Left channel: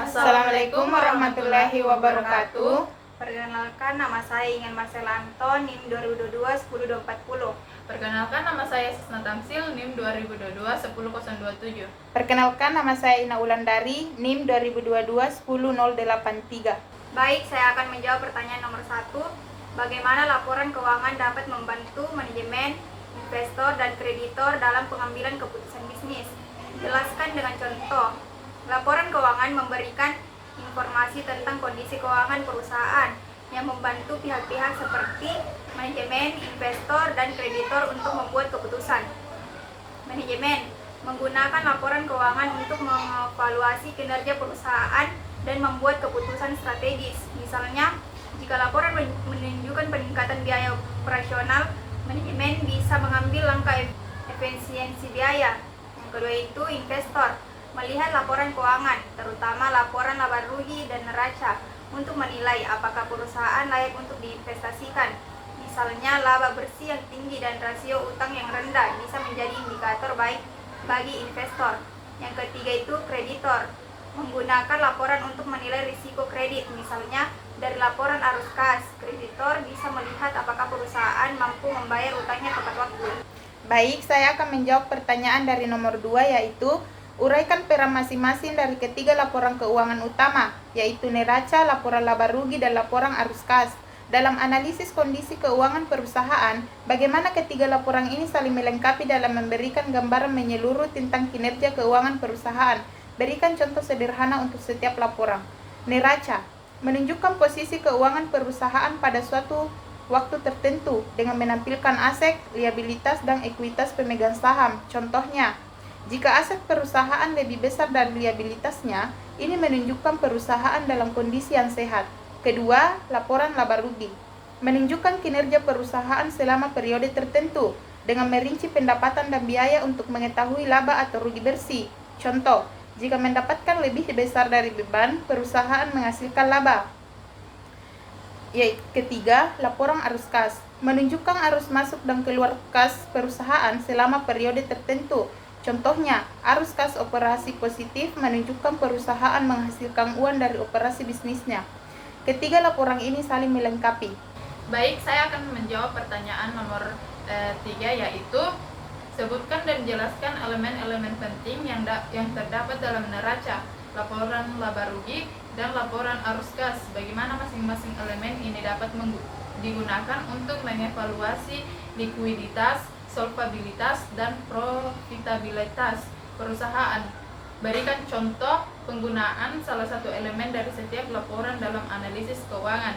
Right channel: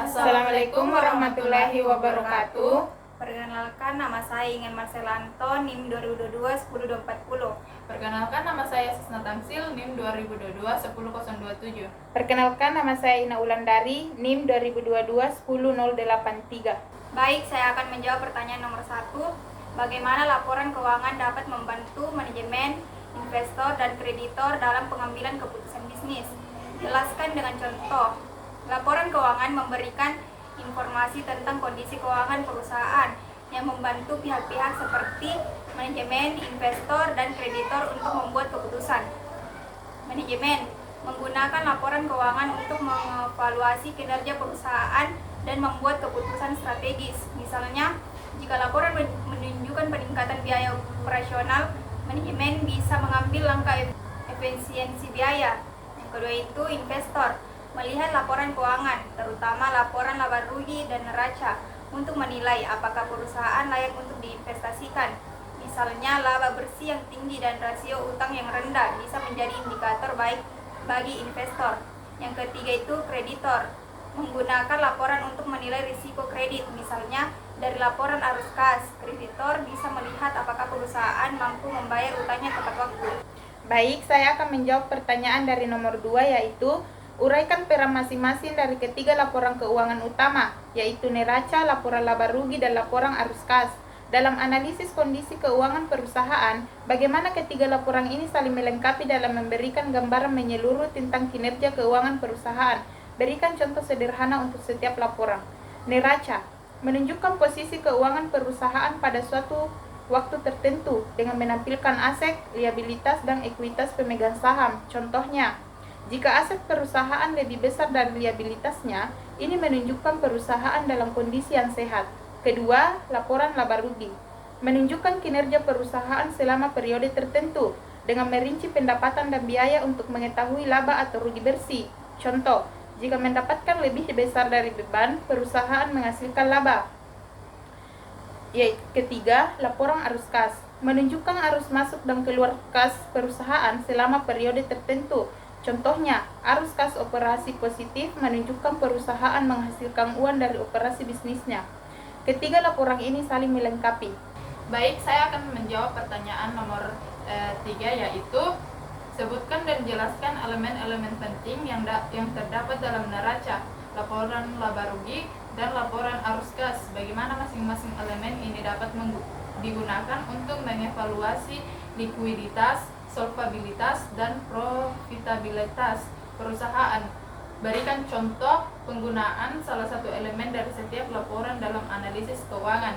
Assalamualaikum warahmatullahi wabarakatuh. Perkenalkan, nama saya Ingan Marcela Anton, NIM 2022-10240. Perkenalkan, nama saya Sisna Tamsil, NIM 2022-10027. Perkenalkan, nama saya Ina Ulandari, NIM 2022-10083. Baik, saya akan menjawab pertanyaan nomor 1. Bagaimana laporan keuangan dapat membantu manajemen, investor, dan kreditor dalam pengambilan keputusan bisnis? Jelaskan dengan contoh. Laporan keuangan memberikan informasi tentang kondisi keuangan perusahaan yang membantu pihak-pihak seperti manajemen, investor, dan kreditor untuk membuat keputusan. Manajemen menggunakan laporan keuangan untuk mengevaluasi kinerja perusahaan dan membuat keputusan strategis. Misalnya, jika laporan menunjukkan peningkatan biaya operasional, manajemen bisa mengambil langkah efisiensi biaya. Yang kedua itu investor, melihat laporan keuangan, terutama laporan laba rugi dan neraca, untuk menilai apakah perusahaan layak untuk diinvestasikan. Misalnya, laba bersih yang tinggi dan rasio utang yang rendah bisa menjadi indikator baik bagi investor. Yang ketiga itu kreditor, menggunakan laporan untuk menilai risiko kredit. Misalnya, dari laporan arus kas, kreditor bisa melihat apakah perusahaan mampu membayar utangnya tepat waktu. Baik, saya akan menjawab pertanyaan dari nomor 2, yaitu uraikan peran masing-masing dari ketiga laporan keuangan utama, yaitu neraca, laporan laba rugi, dan laporan arus kas. Dalam analisis kondisi keuangan perusahaan, bagaimana ketiga laporan ini saling melengkapi dalam memberikan gambaran menyeluruh tentang kinerja keuangan perusahaan. Berikan contoh sederhana untuk setiap laporan. Neraca menunjukkan posisi keuangan perusahaan pada suatu waktu tertentu dengan menampilkan aset, liabilitas, dan ekuitas pemegang saham. Contohnya, jika aset perusahaan lebih besar dari liabilitasnya, ini menunjukkan perusahaan dalam kondisi yang sehat. Kedua, laporan laba rugi menunjukkan kinerja perusahaan selama periode tertentu dengan merinci pendapatan dan biaya untuk mengetahui laba atau rugi bersih. Contoh, jika mendapatkan lebih besar dari beban, perusahaan menghasilkan laba. Ketiga, laporan arus kas menunjukkan arus masuk dan keluar kas perusahaan selama periode tertentu. Contohnya, arus kas operasi positif menunjukkan perusahaan menghasilkan uang dari operasi bisnisnya. Ketiga laporan ini saling melengkapi. Baik, saya akan menjawab pertanyaan nomor 3, yaitu sebutkan dan jelaskan elemen-elemen penting yang terdapat dalam neraca, laporan laba rugi, dan laporan arus kas. Bagaimana masing-masing elemen ini dapat digunakan untuk mengevaluasi likuiditas, solvabilitas, dan profitabilitas perusahaan. Berikan contoh penggunaan salah satu elemen dari setiap laporan dalam analisis keuangan.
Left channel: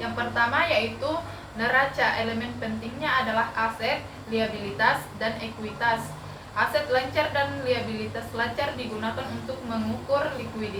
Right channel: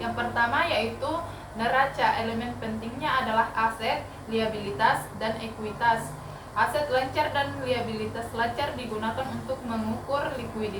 Yang pertama yaitu neraca. Elemen pentingnya adalah aset, liabilitas, dan ekuitas. Aset lancar dan liabilitas lancar digunakan untuk mengukur likuiditas